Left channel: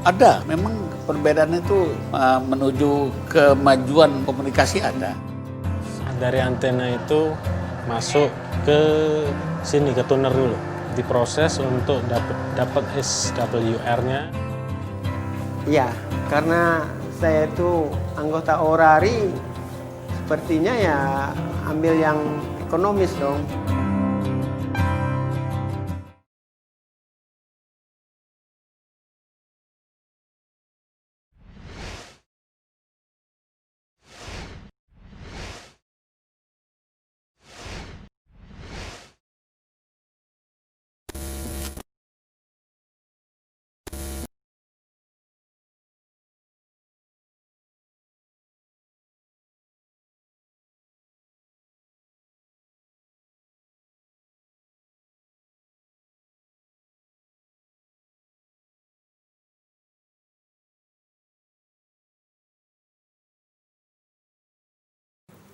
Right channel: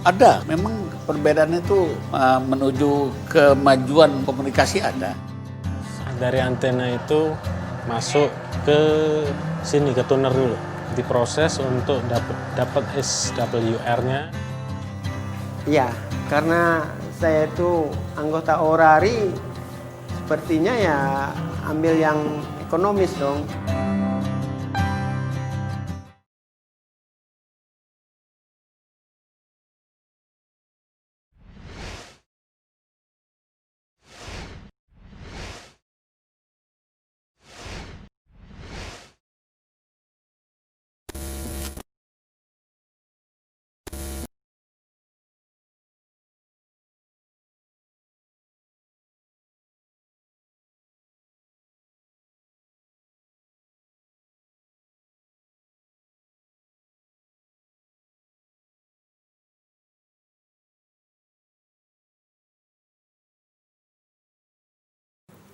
Ada, memang perbedaan itu menuju kemajuan komunikasi ada. Dari antena itu masuk ke sini, ke tuner dulu. Diproses untuk dapat SWR-nya. Iya, karena saya itu anggota orari, sepertinya ya ambil yang ekonomis dong.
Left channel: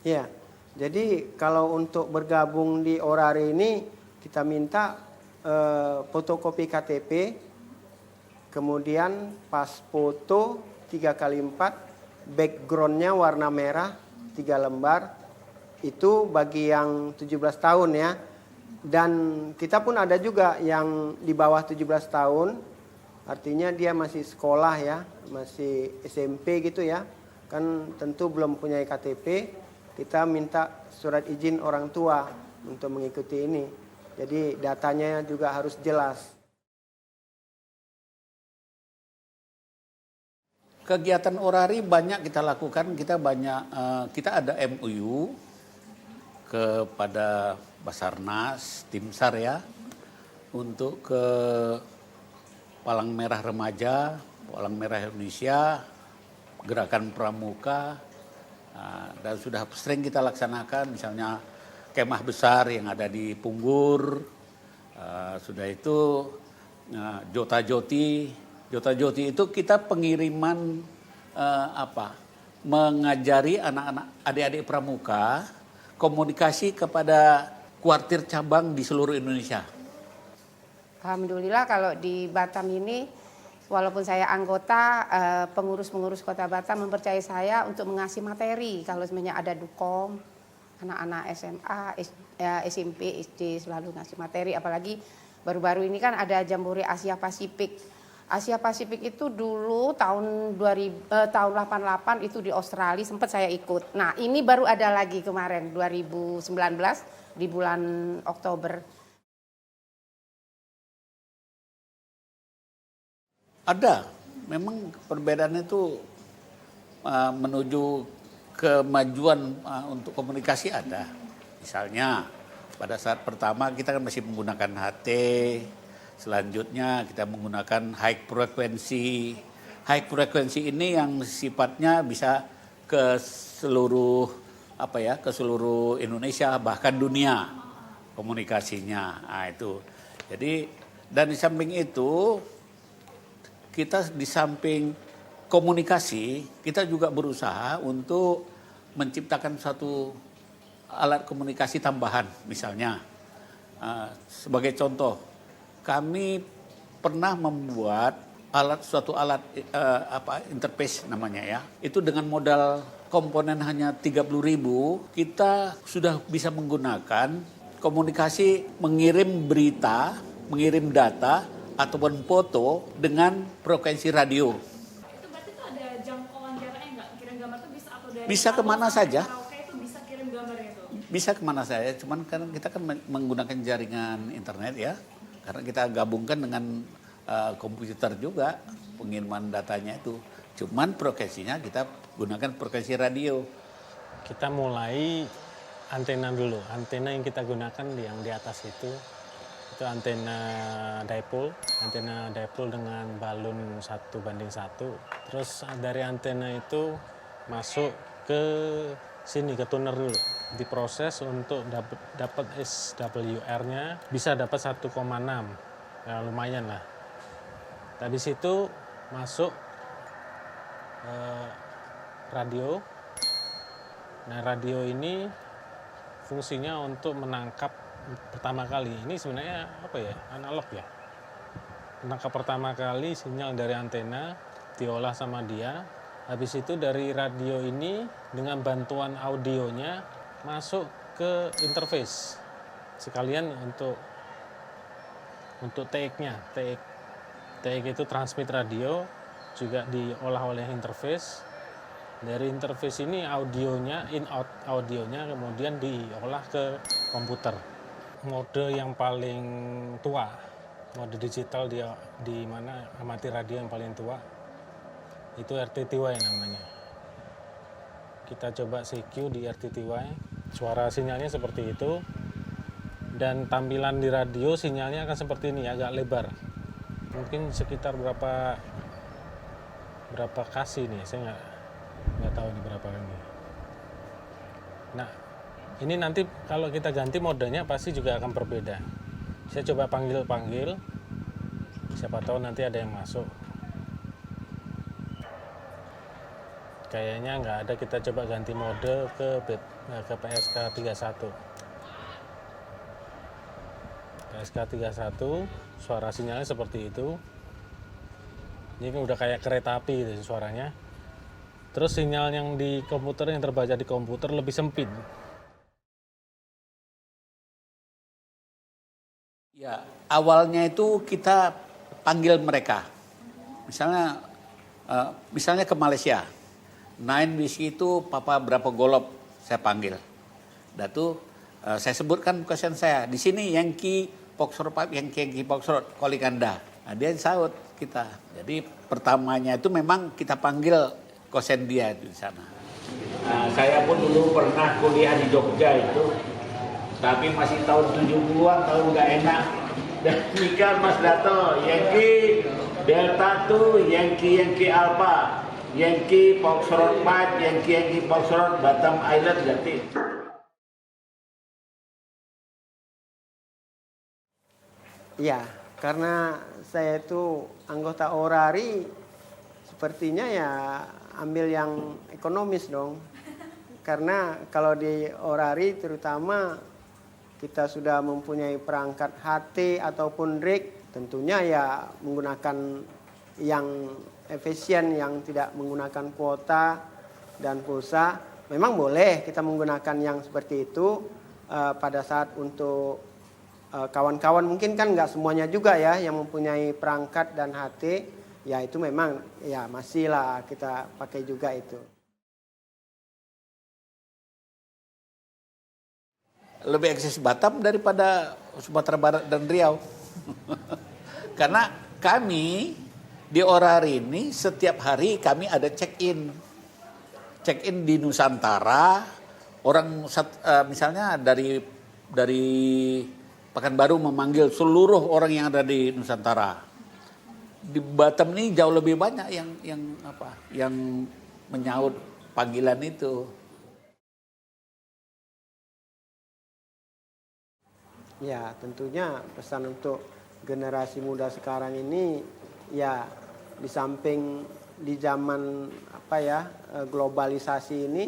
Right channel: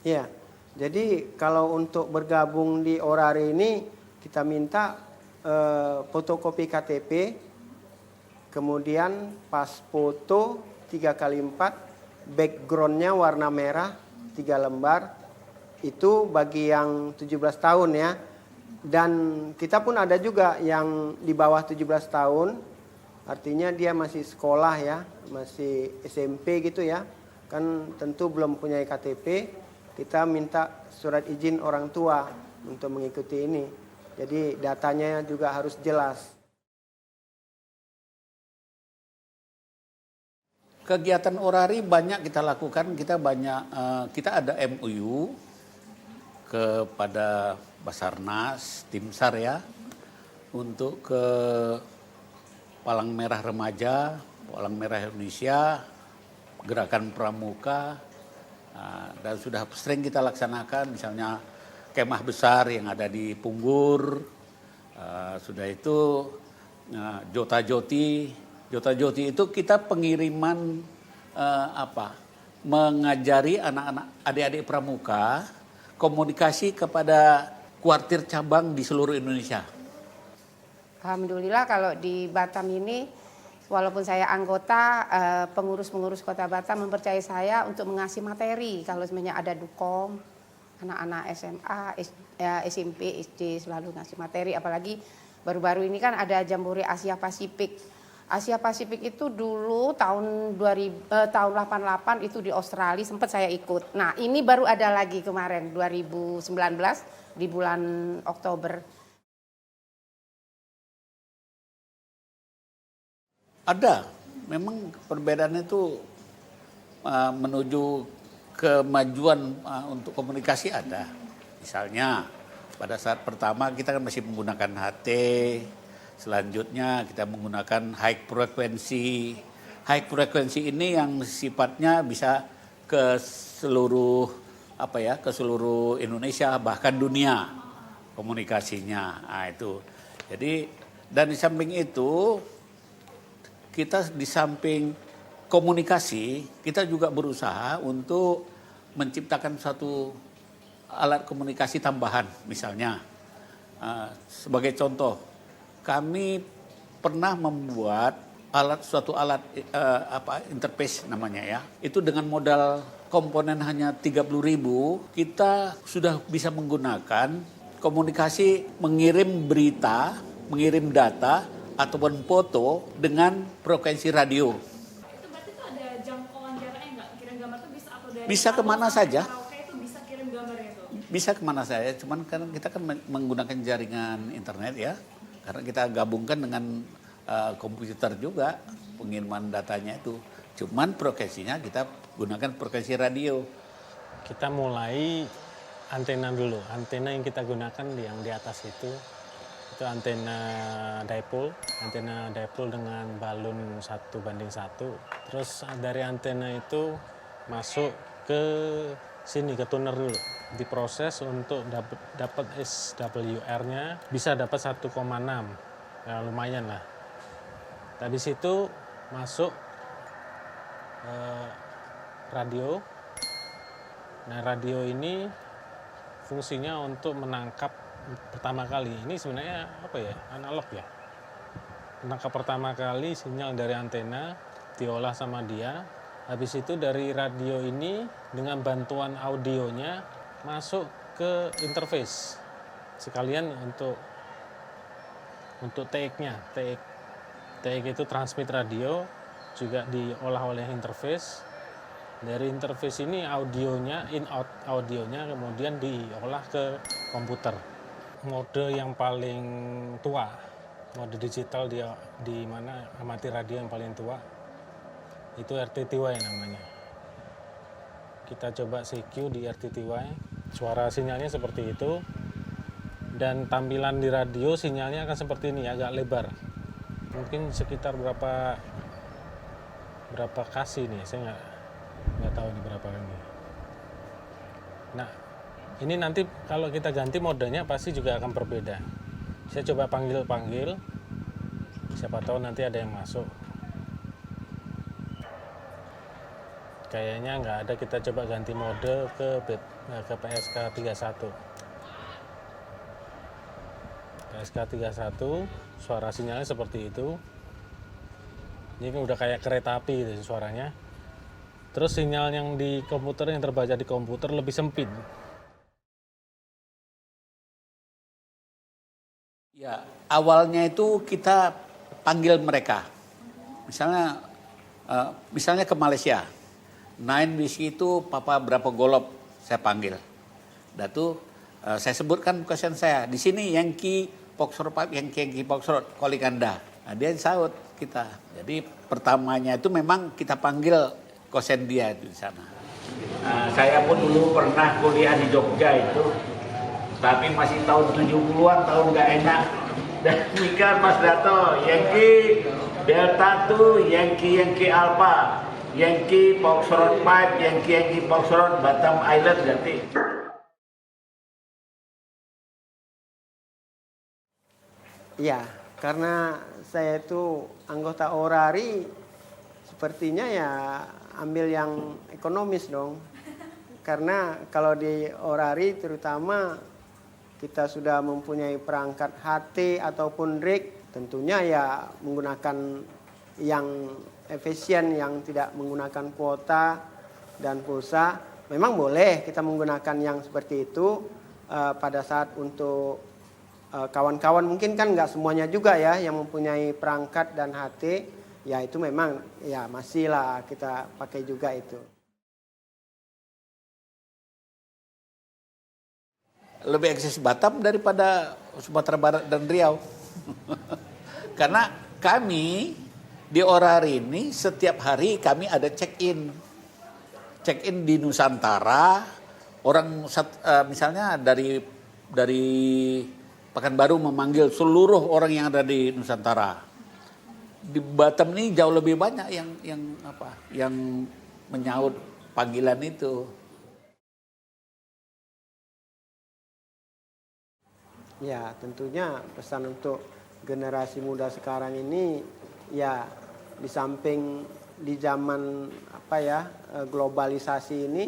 Ya, jadi kalau untuk bergabung di orari ini kita minta fotokopi KTP, kemudian pas foto 3x4, backgroundnya warna merah 3 lembar, itu bagi yang 17 tahun ya. Dan kita pun ada juga yang di bawah 17 tahun, artinya dia masih sekolah ya, masih SMP gitu ya, kan tentu belum punya KTP. Kita minta surat izin orang tua untuk mengikuti ini. Jadi datanya juga harus jelas. Kegiatan orari banyak kita lakukan, kita ada MOU kepada Basarnas, Tim SAR ya, untuk ke Palang Merah Remaja, Palang Merah Indonesia, Gerakan Pramuka, dan sudah sering kita laksanakan misalnya kemah besar yang ada di Punggur, sudah itu Jota-Joti itu kita pengiriman mengajari anak-anak adik-adik pramuka komunikasi kepada kuartir cabang di seluruh Indonesia. Alhamdulillah kalau di Batam ini, walaupun saya anggota, pengurus-pengurus Kota Batam mempercayai saya untuk mengasih materi. Kalau sebenarnya ada dukom, anak-anak SMA, SMP, SD selalu ngasih materi. Apalagi baru-baru ini kan ada Jambore Asia Pasifik. Asia Pasifik itu dulu tahun 88 itu di Australia sempat saya ikut. Nah ini baru ada lagi kemarin 2019 di bulan Oktober. Ada, memang perbedaan itu menuju kemajuan untuk komunikasi ada. Misalnya pada saat pertama kita kan masih menggunakan HT, selanjutnya kita menggunakan high frekuensi. High frekuensi ini yang sifatnya bisa ke seluruh ke seluruh Indonesia bahkan dunia komunikasinya. Nah, itu. Jadi dan di samping itu kita di samping komunikasi, kita juga berusaha untuk menciptakan satu alat komunikasi tambahan. Misalnya, sebagai contoh, kami pernah membuat suatu alat interface namanya ya. Itu dengan modal komponen hanya 30.000, kita sudah bisa menggunakan komunikasi mengirim berita, mengirim data, ataupun foto dengan frekuensi radio. Itu berarti tuh ada jangkauan jaraknya nggak? Kirim gambar tuh bisa atau dari bisa kemana saja? Itu bisa kirim gambarnya tuh? Bisa kemana saja, cuman kan kita kan menggunakan jaringan internet ya, karena kita gabungkan dengan komputer juga pengiriman datanya itu. Cuman frekuensinya kita gunakan frekuensi radio. Kita mulai antena dulu. Antena yang kita gunakan yang di atas itu antena dipole dengan balun 1:1. Terus dari antena itu masuk ke sini, ke tuner dulu. Diproses untuk dapat SWR-nya, bisa dapat 1,6. Ya, lumayan lah. Dari situ masuk radio. Nah, radio ini fungsinya untuk menangkap pertama kali. Ini sebenarnya analog ya. Penangkap pertama kali sinyal dari antena diolah sama dia. Habis itu dari radio ini dengan bantuan audionya masuk ke interface. Sekalian untuk TX-nya. TX itu transmit radio juga diolah oleh interface. Dari interface ini audionya, in-out audionya kemudian diolah ke komputer. Mode yang paling tua, mode digital di mana amati radio yang paling tua, itu RTTY namanya. Kita coba CQ di RTTY, suara sinyalnya seperti itu. Dan tampilan di radio sinyalnya akan seperti ini, agak lebar. Mungkin sekitar berapa kasih nih, saya nggak tahu nih berapa ini. Nah, ini nanti kalau kita ganti modenya pasti juga akan berbeda. Saya coba panggil, siapa tahu nanti ada yang masuk. Kayaknya nggak ada, kita coba ganti mode ke PSK 31. PSK 31, suara sinyalnya seperti itu. Ini kan udah kayak kereta api gitu suaranya. Terus sinyal yang di komputer, yang terbaca di komputer lebih sempit. Ya, awalnya itu kita panggil mereka. Misalnya ke Malaysia. Nine Whiskey itu papa berapa golop saya panggil. Dan tuh saya sebutkan kosen saya. Di sini Yankee Foxtrot 5, Yankee Foxtrot calling Anda. Nah, dia saut kita. Jadi pertamanya itu memang kita panggil kosen dia itu di sana. Saya pun dulu pernah kuliah di Jogja itu, tapi masih tahun 70-an, tahun nggak enak. Dan nikah Mas Dato, Yankee Delta 2, Yankee Alpha, Yankee Foxtrot 5, Yankee Foxtrot Batam Island berarti. Ya, karena saya itu anggota Orari, sepertinya ya ambil yang ekonomis dong. Karena kalau di Orari terutama kita sudah mempunyai perangkat HT ataupun RIG, tentunya ya menggunakan yang efisien, yang tidak menggunakan kuota dan pulsa. Memang boleh kita menggunakan yang seperti itu pada saat untuk kawan-kawan, mungkin kan nggak semuanya juga ya yang mempunyai perangkat dan HT. Ya itu memang ya masih lah kita pakai juga itu. Lebih eksis Batam daripada Sumatera Barat dan Riau. Karena kami di Orari ini setiap hari kami ada check-in. Check-in di Nusantara, orang misalnya dari Pekanbaru memanggil seluruh orang yang ada di Nusantara. Di Batam ini jauh lebih banyak yang menyaut panggilan itu. Ya, tentunya pesan untuk generasi muda sekarang ini ya di samping di zaman globalisasi ini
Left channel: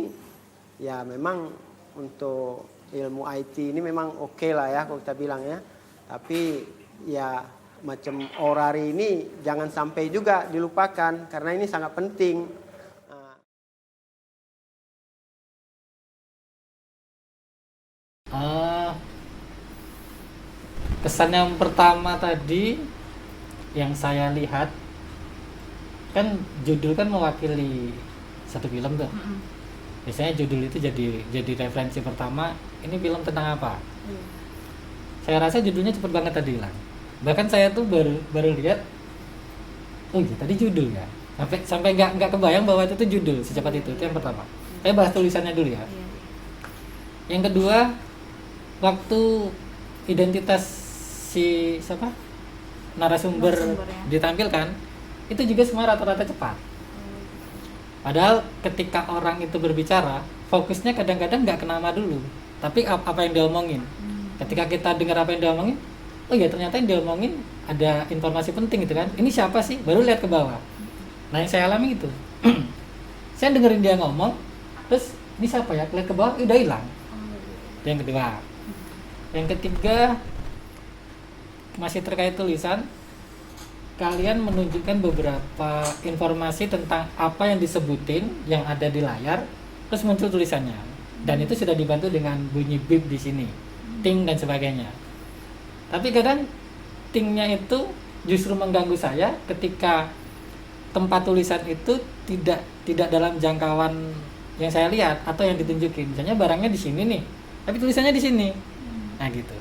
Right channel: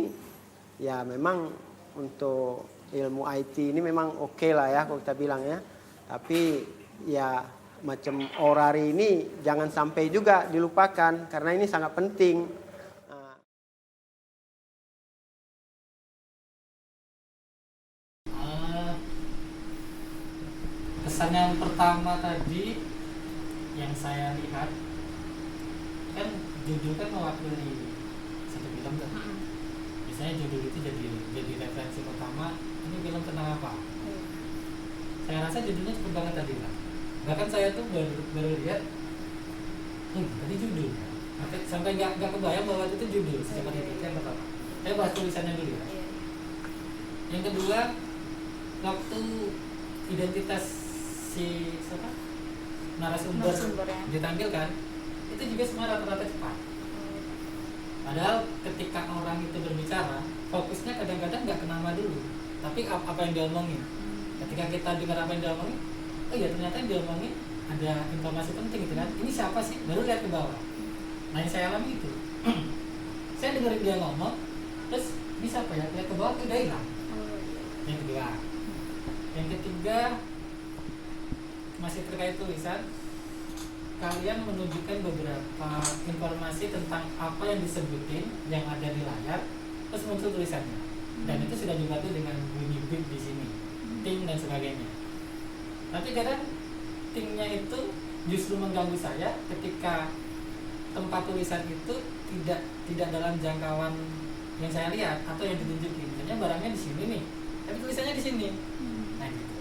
ya memang untuk ilmu IT ini memang oke lah ya kalau kita bilang ya. Tapi ya macam Orari ini jangan sampai juga dilupakan karena ini sangat penting. Kesan yang pertama tadi yang saya lihat kan judul kan mewakili satu film tuh. Biasanya judul itu jadi referensi pertama. Ini film tentang apa? Saya rasa judulnya cepet banget tadi lah. Bahkan saya tuh baru lihat, oh iya tadi judul ya. Sampai nggak kebayang bahwa itu tuh judul secepat itu. Itu yang pertama. Saya bahas tulisannya dulu ya. Yang kedua, waktu identitas si narasumber ya ditampilkan, itu juga semua rata-rata cepat. Padahal ketika orang itu berbicara, fokusnya kadang-kadang nggak ke nama dulu, tapi apa yang dia omongin. Ketika kita dengar apa yang dia omongin, oh iya ternyata yang dia omongin ada informasi penting gitu kan. Ini siapa sih? Baru lihat ke bawah. Nah yang saya alami itu, saya dengerin dia ngomong, terus ini siapa ya? Lihat ke bawah, udah hilang. Yang kedua, yang ketiga masih terkait tulisan. kalian menunjukkan beberapa informasi tentang apa yang disebutin yang ada di layar, terus muncul tulisannya. Dan itu sudah dibantu dengan bunyi bip di sini, ting dan sebagainya. Tapi kadang tingnya itu justru mengganggu saya ketika tempat tulisan itu tidak dalam jangkauan yang saya lihat atau yang ditunjukin. Misalnya barangnya di sini nih, tapi tulisannya di sini. Nah gitu.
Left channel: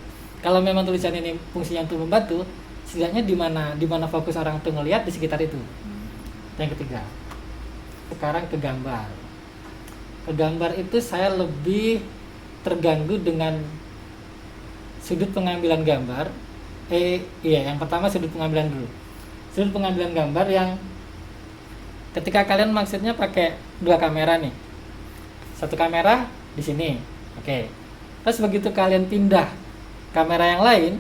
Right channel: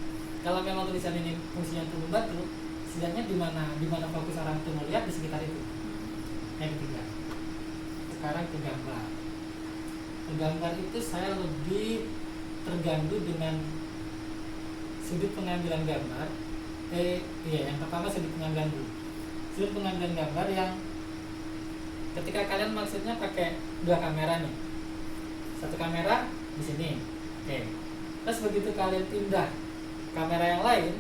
Kalau memang tulisan ini fungsinya untuk membantu, setidaknya di mana fokus orang itu ngelihat di sekitar itu. Yang ketiga, sekarang ke gambar. Ke gambar itu saya lebih terganggu dengan sudut pengambilan gambar. Yang pertama sudut pengambilan dulu. Sudut pengambilan gambar yang ketika kalian maksudnya pakai 2 kamera nih. Satu kamera di sini. Oke. Terus begitu kalian pindah kamera yang lain,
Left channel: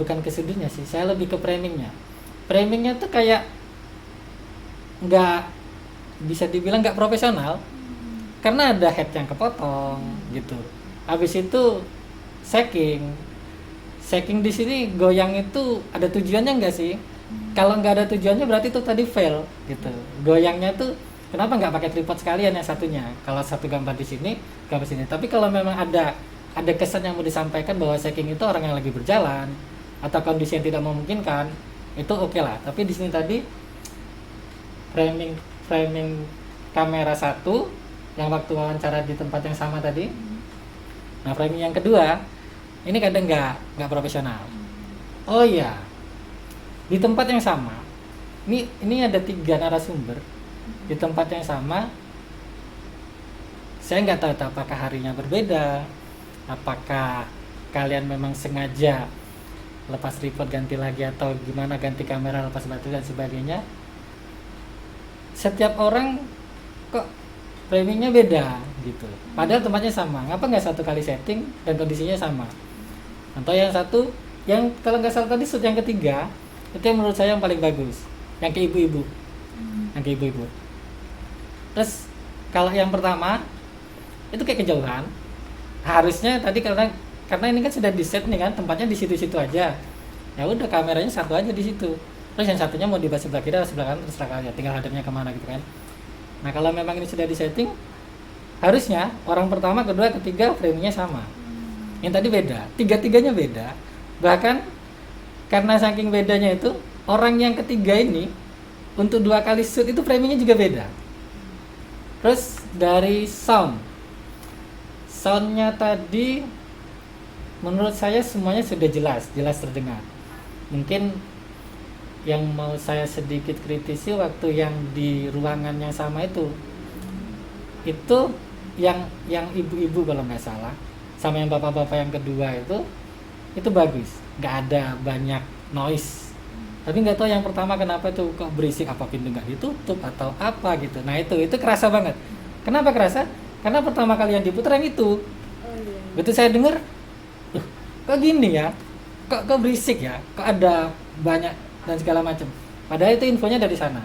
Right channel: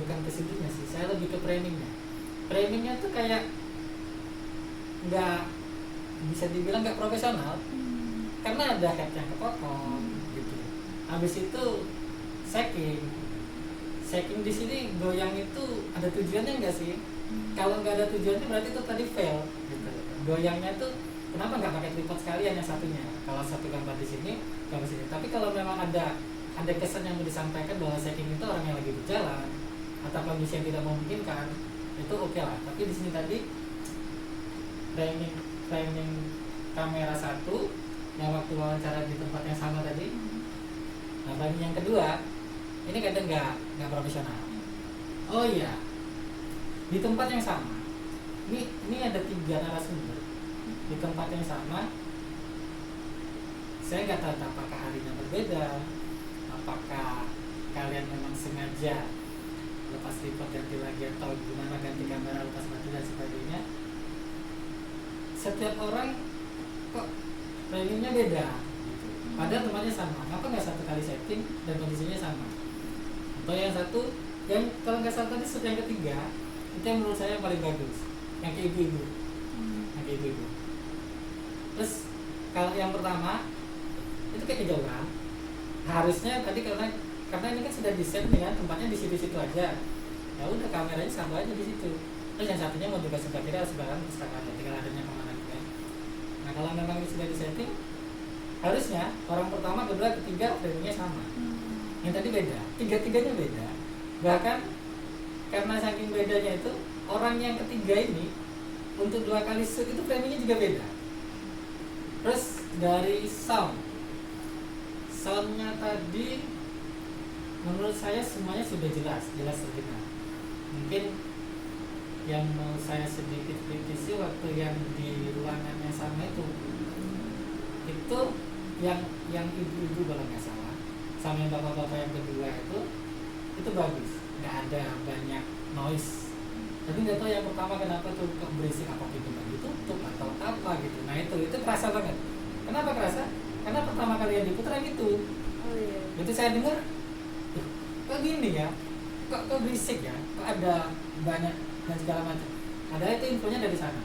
bukan ke sudutnya sih, saya lebih ke framingnya. Framingnya tuh kayak nggak bisa dibilang nggak profesional, karena ada head yang kepotong gitu. Habis itu shaking di sini goyang itu ada tujuannya nggak sih? Kalau nggak ada tujuannya berarti itu tadi fail gitu. Goyangnya tuh kenapa nggak pakai tripod sekalian yang satunya? Kalau satu gambar di sini, gambar sini. Tapi kalau memang ada kesan yang mau disampaikan bahwa shaking itu orang yang lagi berjalan atau kondisi yang tidak memungkinkan, itu oke lah. Tapi di sini tadi framing kamera satu yang waktu wawancara di tempat yang sama tadi. Nah, framing yang kedua ini kadang nggak profesional. Oh iya, di tempat yang sama ini ada 3 narasumber di tempat yang sama. Saya nggak tahu apakah harinya berbeda, apakah kalian memang sengaja lepas tripod ganti lagi atau gimana, ganti kamera lepas baterai dan sebagainya. Setiap orang kok framingnya beda gitu, padahal tempatnya sama. Ngapa nggak satu kali setting dan kondisinya sama? Atau yang satu, yang kalau nggak salah tadi shoot yang ketiga itu yang menurut saya yang paling bagus, yang ke ibu-ibu. Terus kalau yang pertama itu kayak kejauhan. Harusnya tadi karena ini kan sudah di set nih kan, tempatnya di situ-situ aja. Ya udah, kameranya satu aja di situ. Terus yang satunya mau di sebelah kiri atau sebelah kanan terserah kalian, tinggal hadirnya kemana gitu kan. Nah kalau memang ini sudah di setting, harusnya orang pertama, kedua, ketiga framingnya sama. Yang tadi beda, 3-tiganya beda. Bahkan karena saking bedanya itu, orang yang ketiga ini untuk 2 kali shoot itu framingnya juga beda. Terus dari soundnya tadi menurut saya semuanya sudah jelas terdengar. Mungkin yang mau saya sedikit kritisi waktu yang di ruangan yang sama itu yang ibu-ibu kalau nggak salah, sama yang bapak-bapak yang kedua itu bagus, nggak ada banyak noise. Tapi nggak tahu yang pertama kenapa itu kok berisik, apa pintu nggak ditutup atau apa gitu. Nah itu kerasa banget. Kenapa kerasa? Karena pertama kali yang diputar yang itu. Begitu saya dengar, kok gini ya, kok berisik ya, kok ada banyak dan segala macam. Padahal itu infonya dari sana.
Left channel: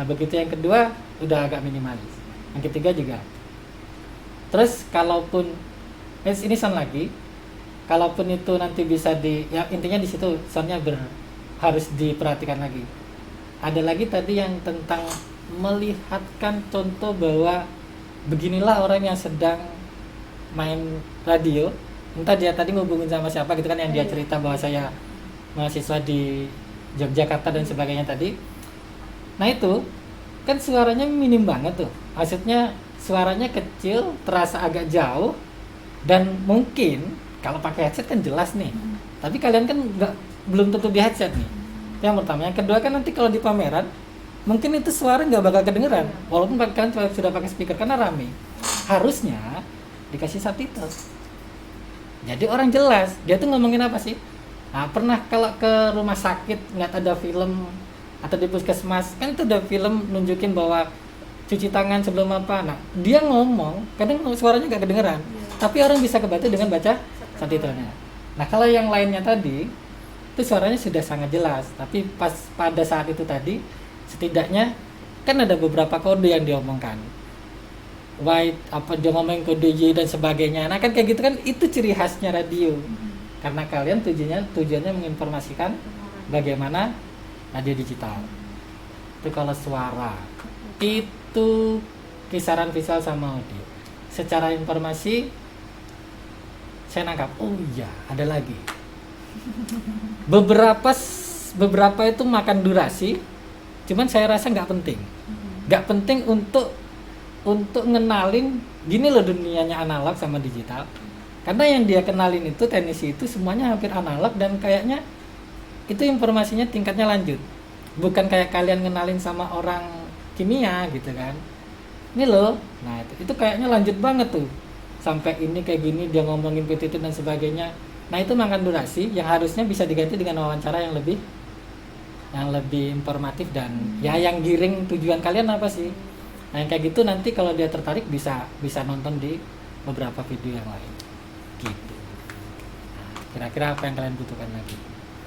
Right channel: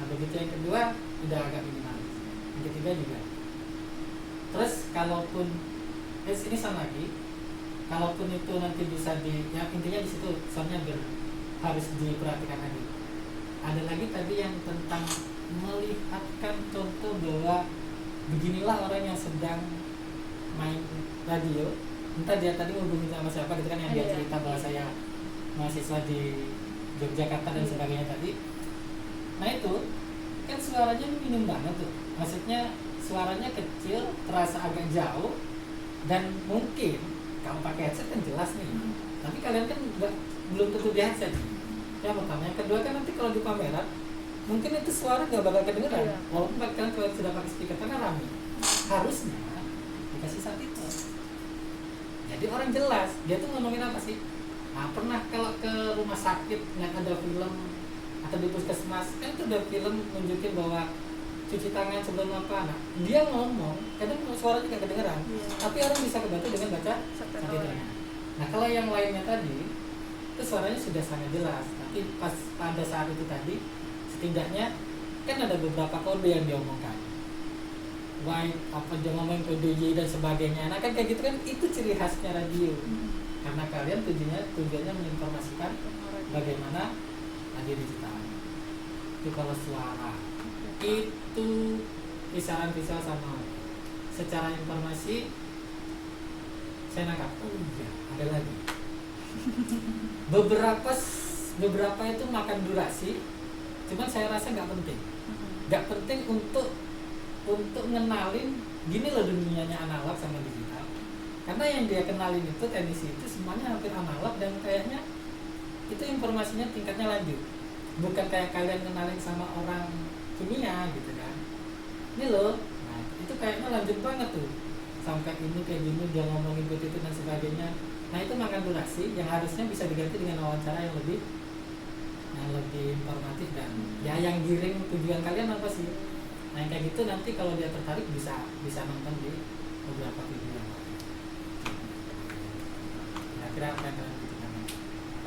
Nah begitu yang kedua udah agak minimalis. Yang ketiga juga. Terus kalaupun ini sound lagi, kalaupun itu nanti bisa ya intinya di situ soundnya harus diperhatikan lagi. Ada lagi tadi yang tentang melihatkan contoh bahwa beginilah orang yang sedang main radio. Entah dia tadi ngubungin sama siapa gitu kan, yang dia cerita bahwa saya mahasiswa di Yogyakarta dan sebagainya tadi. Nah itu kan suaranya minim banget tuh, maksudnya suaranya kecil, terasa agak jauh, dan mungkin kalau pakai headset kan jelas nih, tapi kalian kan belum tentu di headset nih. Yang pertama, yang kedua kan nanti kalau di pameran mungkin itu suara nggak bakal kedengeran, walaupun kalian sudah pakai speaker karena rame. Harusnya dikasih subtitle, jadi orang jelas dia tuh ngomongin apa sih. Nah, pernah kalau ke rumah sakit nggak ada film atau di puskesmas kan itu ada film nunjukin bahwa cuci tangan sebelum apa. Nah dia ngomong kadang suaranya nggak kedengeran, tapi orang bisa kebantu dengan baca subtitlenya. Nah kalau yang lainnya tadi itu suaranya sudah sangat jelas, tapi pas pada saat itu tadi setidaknya kan ada beberapa kode yang diomongkan, white apa dia ngomongin kode Y dan sebagainya. Nah kan kayak gitu kan, itu ciri khasnya radio. Karena kalian tujuannya menginformasikan bagaimana radio digital. Itu kalau suara itu kisaran visual sama audio. Secara informasi saya nangkap, oh iya ada lagi. Beberapa itu makan durasi, cuman saya rasa nggak penting. Nggak penting untuk ngenalin gini loh dunianya analog sama digital. Karena yang dia kenalin itu teknisi itu semuanya hampir analog dan kayaknya itu informasinya tingkatnya lanjut. Bukan kayak kalian ngenalin sama orang kimia gitu kan. Ini loh, nah itu kayaknya lanjut banget tuh. Sampai ini kayak gini dia ngomongin PTT dan sebagainya. Nah itu makan durasi yang harusnya bisa diganti dengan wawancara yang lebih informatif dan ya yang giring tujuan kalian apa sih. Nah yang kayak gitu nanti kalau dia tertarik bisa nonton di beberapa video yang lain gitu. Kira-kira apa yang kalian butuhkan lagi?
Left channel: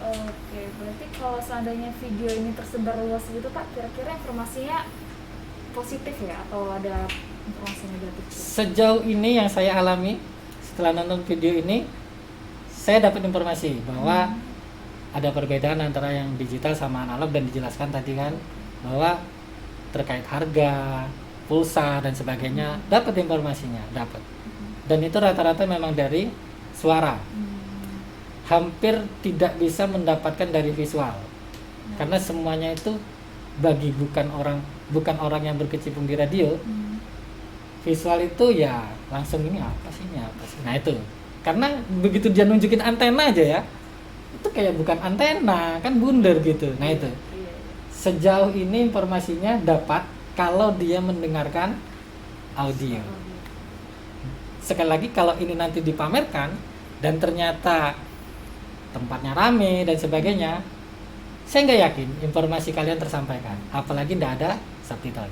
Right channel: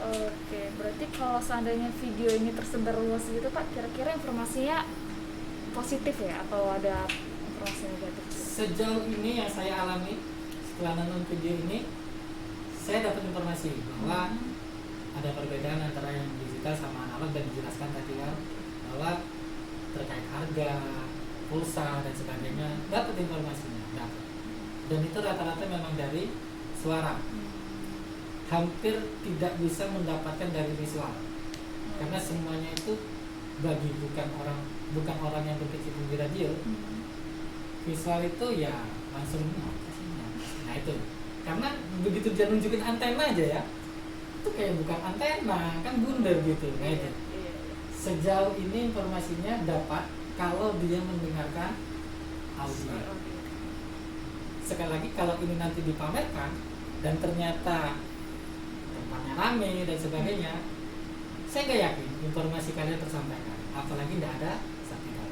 Oke, berarti kalau seandainya video ini tersebar luas gitu Pak, kira-kira informasinya positif ya atau ada informasi negatif gitu? Sejauh ini yang saya alami setelah nonton video ini, saya dapat informasi bahwa ada perbedaan antara yang digital sama analog dan dijelaskan tadi kan bahwa terkait harga, pulsa dan sebagainya dapat informasinya, dapat. Dan itu rata-rata memang dari suara. Hampir tidak bisa mendapatkan dari visual. Karena semuanya itu bagi bukan orang yang berkecimpung di radio. Visual itu ya langsung ini apa sih. Nah itu. Karena begitu dia nunjukin antena aja ya, itu kayak bukan antena, kan bundar gitu. Nah itu. Sejauh ini informasinya dapat kalau dia mendengarkan audio. Sekali lagi kalau ini nanti dipamerkan dan ternyata tempatnya rame dan sebagainya, saya nggak yakin informasi kalian tersampaikan. Apalagi tidak ada subtitle.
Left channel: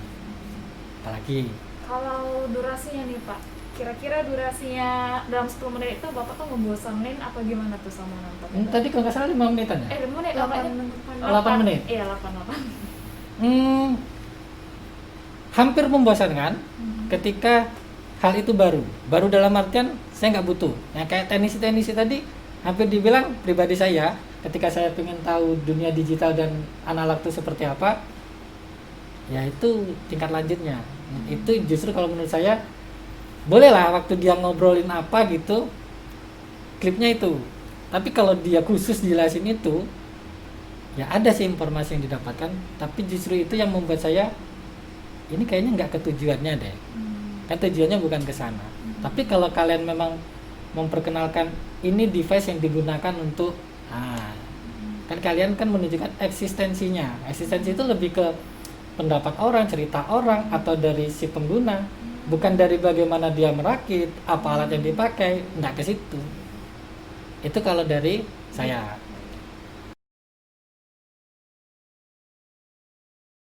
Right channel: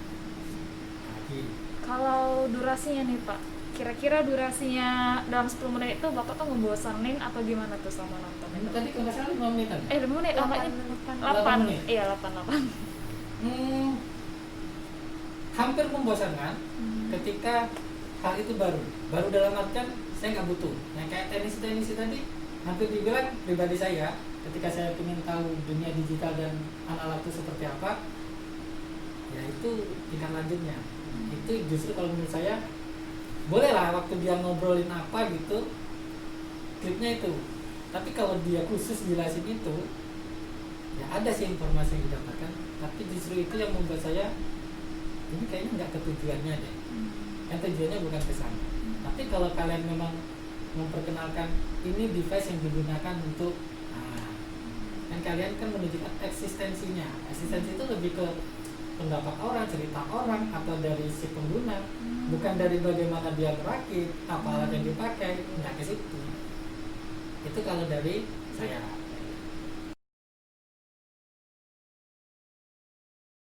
Apalagi. Kalau durasinya nih Pak, kira-kira durasinya dalam 10 menit itu Bapak tuh ngebosanin apa gimana tuh sama nonton? Tadi kalau nggak salah 5 menitan ya? 5 menit, nampaknya 8 menit? Iya 8. Hampir membosankan ketika hal itu baru dalam artian saya nggak butuh. Nah kayak teknisi tadi hampir dibilang pribadi saya ketika saya ingin tahu dunia digital dan analog itu seperti apa, ya itu tingkat lanjutnya. Nah, itu justru kalau menurut saya bolehlah waktu dia ngobrolin apa gitu klipnya itu. Tapi kalau dia khusus jelasin itu, ya ada sih informasi yang didapatkan. Tapi justru itu yang membuat saya ini kayaknya nggak ketujuannya deh. Kan tujuannya bukan ke sana. Tapi kalau kalian memang memperkenalkan ini device yang digunakan untuk kan kalian kan menunjukkan eksistensinya. Eksistensi itu lebih ke pendapat orang, cerita orang atau dari si pengguna, bukan dari bagaimana dia merakit, apa alat yang dipakai, nggak ke situ. Itu kalau dari saya.